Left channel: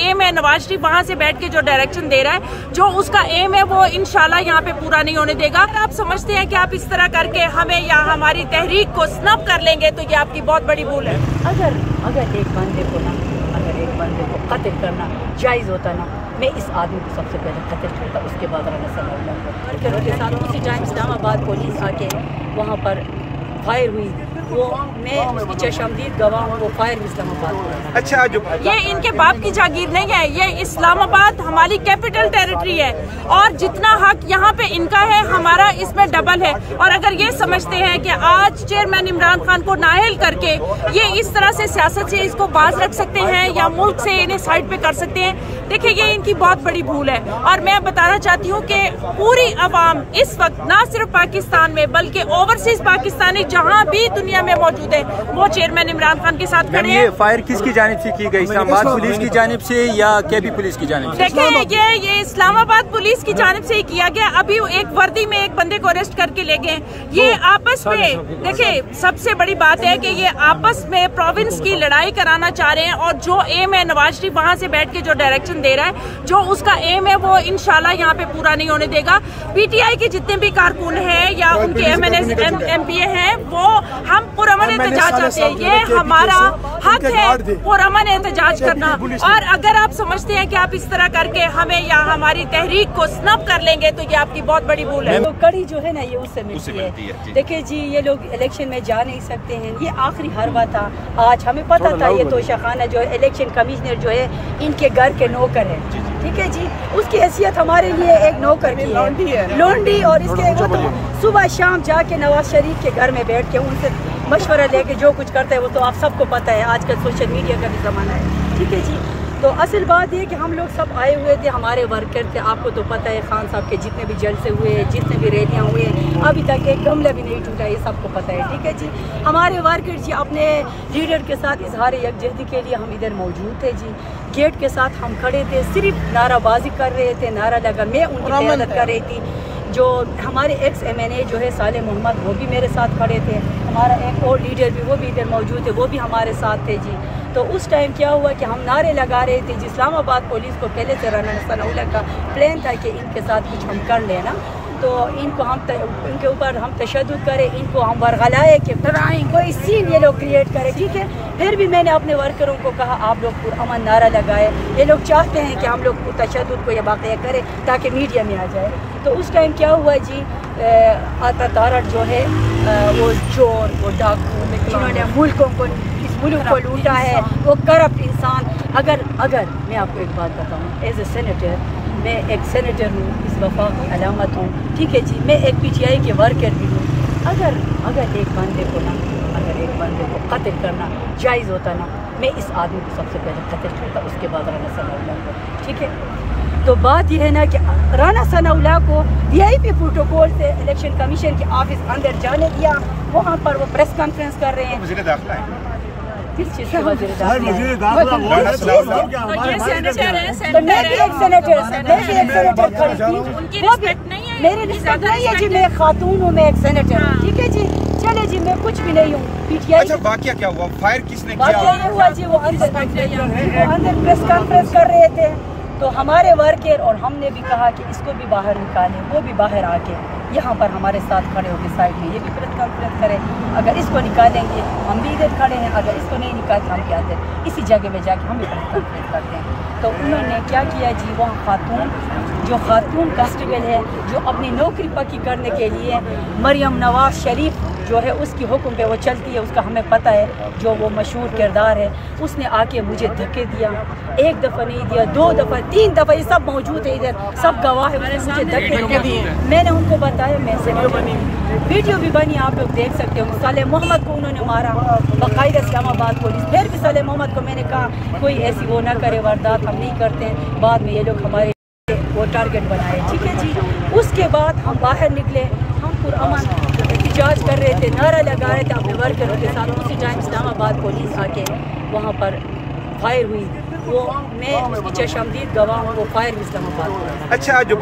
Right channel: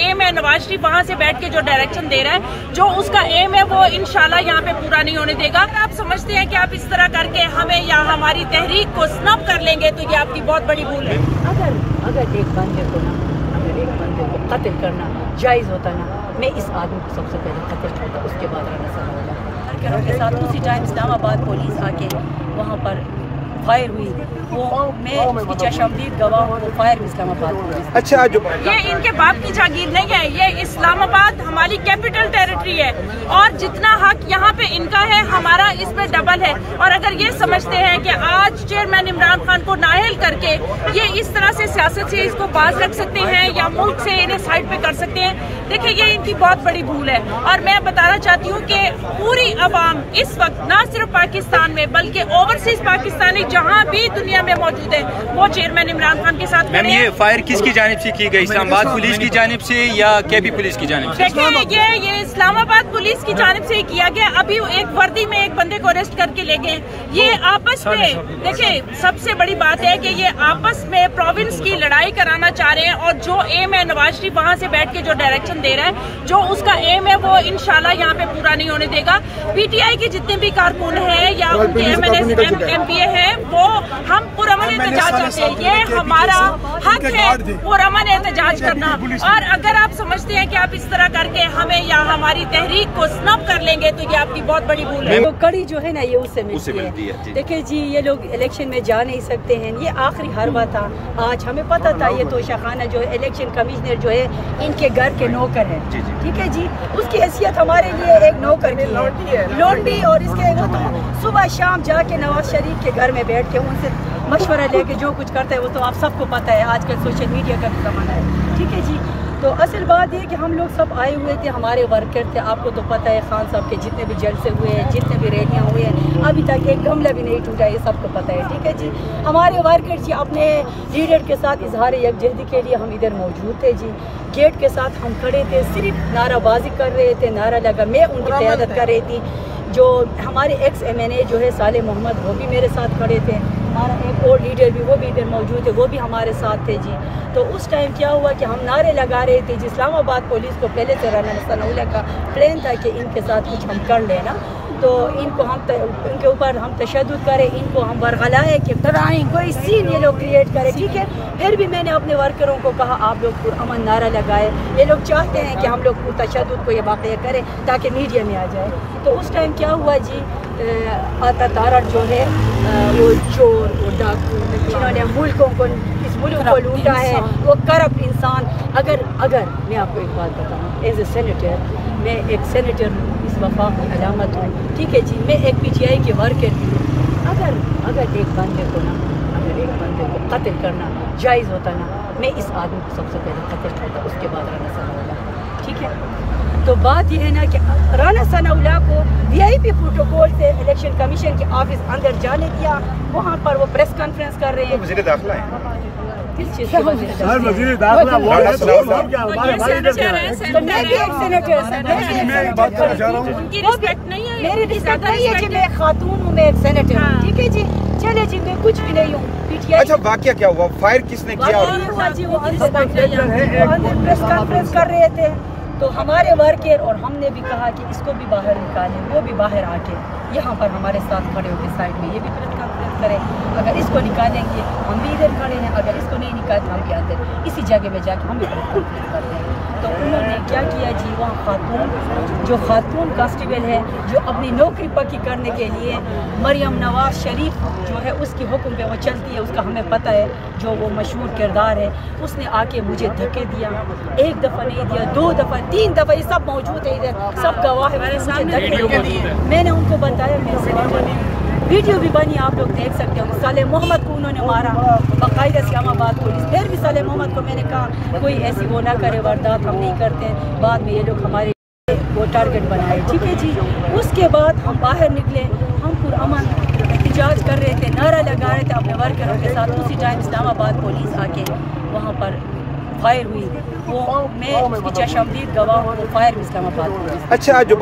M है नवाज शरीफ वहाँ से बैठ के जो डायरेक्शन दे रहा है, जो उसका एम है वो इंशाल्लाह यहाँ पे पूरा नहीं होने देगा। आप समझते हैं कि आप इस तरह करके हमें या हमारी तहरीक को स्नब कर लेंगे तो ये आपकी बहुत बड़ी भूल है। अगर एक बंदे को कत्ल करना जायज़ होता ना, मैं इस आदमी को सबसे पहले कत्ल करता, उसके बाद राना सनाउल्लाह को वर्करों के साथ उसी टाइम इस्लामाबाद पुलिस आके वहाँ पर फायर हुई, वो मैं उसकी चशमदीद गवाह हूँ। वो फायर भी इस्लामाबाद पुलिस। अच्छा, जो ये इनके बाप की जागीर नहीं है, ये इस्लामाबाद हमारी कैपिटल टेरिटरी है और जितना हक यहाँ पे इनका है हमारा इसमें डबल है। और अगर ये समझते हैं कि आज चेयरमैन इमरान खान को नाअहल करके ये इस तरह से सियासत से इसको बाज रख सकते हैं या मुल्क से इन्हें साइड पे कर सकते हैं, देखिए ये इनकी बहुत बड़ी भूल है। और मैं बताना चाहती हूँ कि पूरी अवाम इस वक्त न सिर्फ पाकिस्तान में बल्कि ओवरसीज पाकिस्तानी जहाँ भी दुनिया में मौजूद है वो चेयरमैन इमरान खान के साथ मैम, ये फायर किसकी जानिब से की गई? इस्लामाबाद पुलिस की जानिब से या केबी पुलिस की जानिब से? देखिए ये इस्लामाबाद पुलिस की जानिब से ही किया गया। अभी एक वर्दी में एक बंदे को अरेस्ट करके ले गए। ये आपस में देखिए सबसे बड़ी बात है कि ये आपस में प्रोविंस की लड़ाई कराना चाह रहे हैं और जो एम है नवाज शरीफ वहाँ से बैठ के जो डायरेक्शन दे रहा है, जो उसका एम है वो इंशाल्लाह यहाँ पे पूरा नहीं होने देगा। पीटीआई के जितने भी कारकुन हैं या उनके एमपीए हैं वो हम पुरअमन एहतजाज चाहते हैं। ये हमारा हक है पुरअमन एहतजाज करना। और अगर आप समझते हैं कि आप इस तरह करके हमें या हमारी तहरीक को स्नब कर लेंगे तो ये आपकी बहुत बड़ी भूल है। तो कड़ी जो है ना ये उससे मिलती है। देखिए जी, ये लोग इलेक्शन में जा नहीं सकते हैं, ये आखिरी हरबा था। आज हमें पता था ये तोशाखाना जो है इलेक्शन कमिश्नर जो है इनके घर के नौकर है, ठीक है जी। उसकी हैसियत हमारे लिए एक नौकर की है, लोंडी। और इसके वो तो सुबह शाम जाके नवाज शरीफ के घर में बैठ के उनसे मशवरा लेके जो कुछ करता है वो तो आप सबको पता है। आजकल सोशल मीडिया का भी ज़माना है, ठीक है जी। तो असल बात ये कि हम लोग सब आए हुए थे, हमारे वर्कर थे। आपको तो पता है खान साहब के जितने भी जलसे हुए, जितने भी रैलियाँ हुए, अभी तक एक गमला भी नहीं टूटा, ये सबको पता है, ठीक है जी। हमारे वर्कर जी अपने लीडर के साथ इजहार यकजहती के लिए हम इधर मौजूद थे जी। गेट के साथ हम खड़े थे, सिर्फ नाराबाजी कर रहे थे, नारा लगा। मैं उनकी क़यादत कर रही थी। जो हमारे एक्स MNA जो है साले मोहम्मद, वो भी मेरे साथ खड़े थे। हमारा एक और लीडर भी वो भी इधर मौजूद है, वो भी हमारे साथ थे जी। तो उस टाइम क्या हुआ कि हम नारे लगा रहे थे जी। इस्लामाबाद पुलिस को पहले से राना सनाउल्लाह का प्लान था कि इनके साथ कुछ हम कर लेना, तो इनको इनके ऊपर हम तशद्दुद करें, इनको हम वरगलाए कि कोई सीन ये लोग क्रिएट करें, ठीक है। फिर भी मैंने अपने वर्करों को कहा आप लोग पुरअमन नारा लगाए। ये लोग चाहते हैं कि हम लोग तशद्दुद को ये वाक़या करें ताकि मीडिया में आ जाए। तो उस टाइम क्या हुआ जी, आता तारड़ जो है वो चोर, वो डाकू, जिन्होंने इस मुल्क को लूटा है, वो करप्ट इंसान। अगर मैं आपको एक बात बताऊं, एज ए सेनेटर, मैं एक सेनेटर हूँ, इस वफा की अलामत हूँ, ठीक है जी। मैं एक PTI के वर्कर भी हूँ। अगर एक बंदे को कत्ल करना जायज़ होता ना, मैं इस आदमी को सबसे पहले कत्ल करता, उसके बाद राना सनाउल्लाह को, ठीक है। तो बात यह है ना कि राना सनाउल्लाह को VIP प्रोटोकॉल से इलेक्शन कमीशन के ऑफिस अंदर जाने दिया। वहाँ पर वो प्रेस कॉन्फ्रेंस कर रहे हैं। वज़ीर दाखिला है, किस चीज़ के वज़ीर दाखिला? उनकी रिस्पेक्ट नहीं है, मेरी रिस्पेक्ट नहीं है जी। मैं खातून हूँ, मैं एक सेनेटर हूँ, ठीक है जी। चलिए जी, मैं कुछ भी नहीं हूँ। PTI अच्छा, वाकया क्या हुआ? फायर किसने किया? हुआ जी, वो अंदर प्रेस कॉन्फ्रेंस कर रहे थे। तो हमारे वर्कर और हमने भी कहा कि इसको भी बाहर निकालें। वो भी बाहर आके यहाँ पर हमारे साथ खड़े हो गए साइड में, ये भी प्रेस कॉन्फ्रेंस करें। अगर इसको निकालेंगे हम भी इधर खड़े हैं, अगर इसको नहीं निकालते हम क्या करें? इसी जगह में जाके हम भी प्रेस कॉन्फ्रेंस करते हैं। तो उन्होंने क्या किया जी, वहाँ खातून कांस्टेबल है जो अपनी नौकरी पक्की करने के लिए मरियम नवाज शरीफ जो है उसकी हुक्म पे वो चलती है, उसका हमें पता है, जो वो मशहूर किरदार है, उसने आके मुझे धक्के दिया। एक दफ़ा नहीं दिया, 2 दफ़ा, 3 दफ़ा, ये सब मौजूद है इधर, सब गवाह है। मैंने उनको बताया मैं सेनेटर, वीडियो भी बनी, आप लोग देख सकते हो। साले मोहम्मद को उन्होंने मारा बाकायदा इस्लामाबाद पुलिस। फिर भी साले मोहम्मद को मैंने कहा कोई ऐसी वो ना करे वारदात, हम नहीं करते। बाद में ये लोग हमारे वो टारगेट बनाए, ठीक है जी। उसके बाद हम बाहर निकले, हम पुरअमन एहतजाज कर रहे थे, नारा लगा रहे थे अपने वर्करों के साथ। उसी टाइम इस्लामाबाद पुलिस आके वहाँ पर फायर हुई, वो मैं उसकी चशमदीद गवाह हूँ। वो फायर भी इस्लामाबाद पुलिस। अच्छा, जो